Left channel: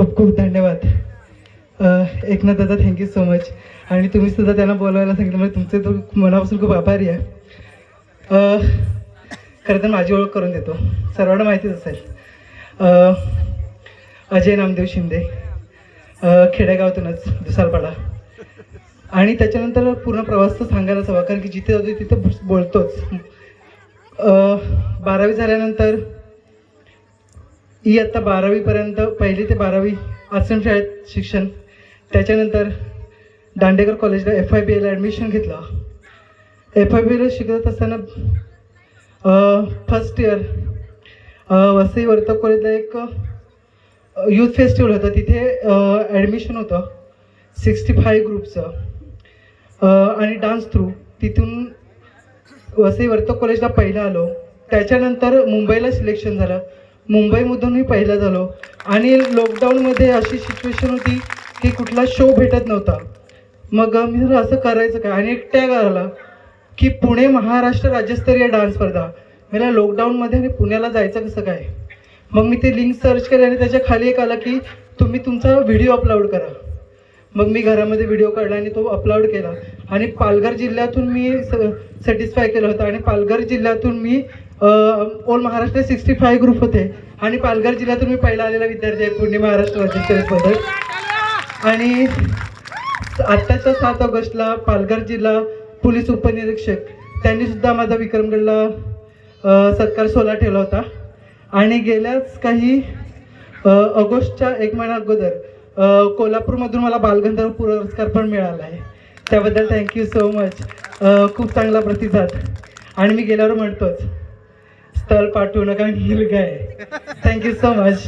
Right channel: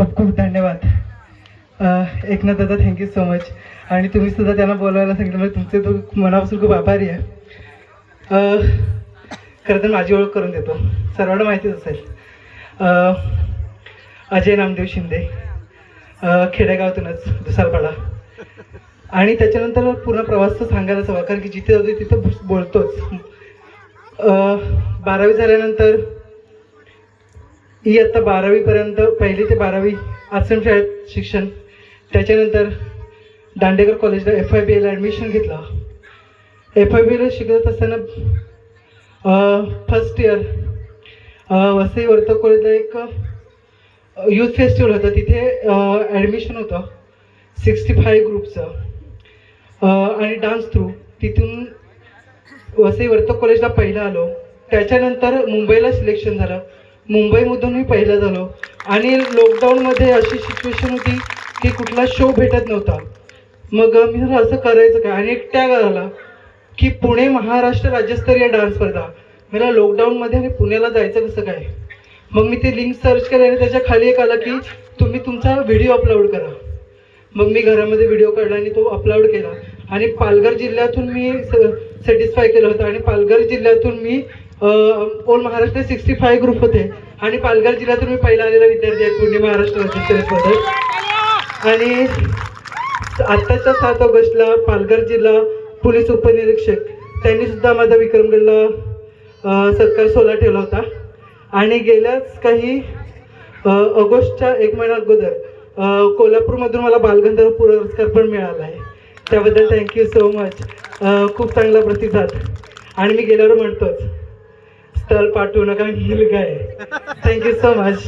खूप खूप धन्यवाद. एकनाथ दादा थँक्यू सो मच आणि तुम्ही सुद्धा त्यांना बोलवायला सांगितलं म्हणजे तुमचे तो मनापासून खूप आभारी आहे. खरं तर माझी ओळख करून देतो. सर्वांना माहितीच असेल. अजय नामदेव शिंदे. खेडेगावातूनच दुसारपाडा. आणि त्याच्यानंतर पूर्ण प्रवास तर सांगायलाच हवा कारण की जिथे जातो तिथं बोलतोच. बारावी झाल्यानंतर इयत्ता बारावीपर्यंत पहिली ते बारावी आश्रमशाळेत शिक्षण. त्याच्यानंतर दांडेकर कॉलेजला एफ आय बी एला ॲडमिशन घेतलं. एफ आय बी एला शिकत असताना फर्स्ट इयर वसई वर्तक कॉलेजला एक यूथ फेस्टिवल होतं. तिथे ॲडमिशन होतं. सिक्स्टी फाय ग्रुपचं आणि डान्स थ्रू तिथून वसई वर्तक कॉलेजला पहिला आलो. त्याच्यानंतर मुंबईला सिलेक्शन झालं. मुंबईमधून मी पहिला झालो. आणि लॉकडाऊनमध्ये अशी सिच्युएशन होती की कुठला शो भेटत नव्हता. मग मी असं करायचं काय? आणि एक टॅग आला की पुणे महाराष्ट्र राज्यस्तरीय डान्स स्पर्धा. मला लॉकडाऊनमध्ये आणि पुण्याला जायचं कसं काय? मग मी ते लिंक सर्च केलं आणि त्याच्याखाली एक आला की तुम्ही तुमचा व्हिडिओ अपलोड करा. मग मी घरामध्ये व्हिडिओ काढला आणि तो अपलोड केला. आणि पालघर जिल्ह्यातून मी सॅटिस्फाय केलं होतं. आणि पालघर जिल्ह्यातून मी all Maharashtra sixty five group होते. आणि पालघर जिल्ह्यातून मी पहिला आलेला विद्यार्थी आहे पुणे महाराष्ट्र राज्य स्पर्धेत आणि आत्ताच्या सात ऑगस्टला पालघर जिल्हा पोलीस उपनिरीक्षक त्यांनी सुद्धा माझा विक्रमगडला सरकार सत्कार ठेवला होता. आणि गेल्याच काही ऑगस्टच्या एक महिना अगोदर कोल्हापूरमधून मला बालगंधर्व पुरस्कार पण मिळाला आहे. त्याबद्दल थँक्यू सो मच खूप चांगला प्रतिसाद. आणि मी गेल्यावर म्हणतोच स्थळ पाठवू नका मी हिल काय थँक्यू सो मच